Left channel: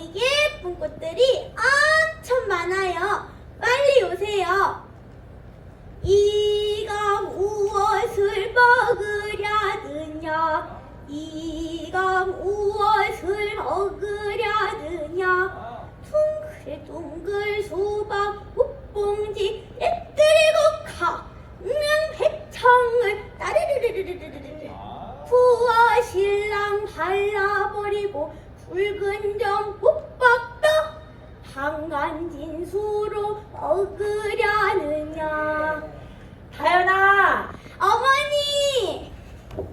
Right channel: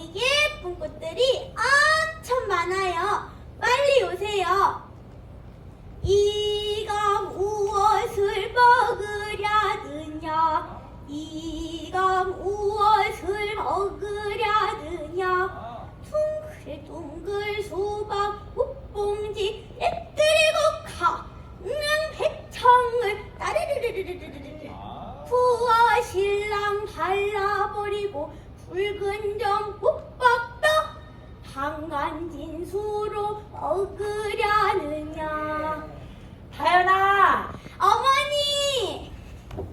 여기 예쁜 꽃들이 엄청 많아요. 빨리 오세요. 이가 무엇을 먹으려느냐? 이가 무엇을 먹으려느냐? 둥글 둥글 수박 꽃봉지 ett들고 가는 백창을 따르르르르르르르 부하 신랑 발라버리고 붉은 점 국밥도 한간 진수로 먹으려느냐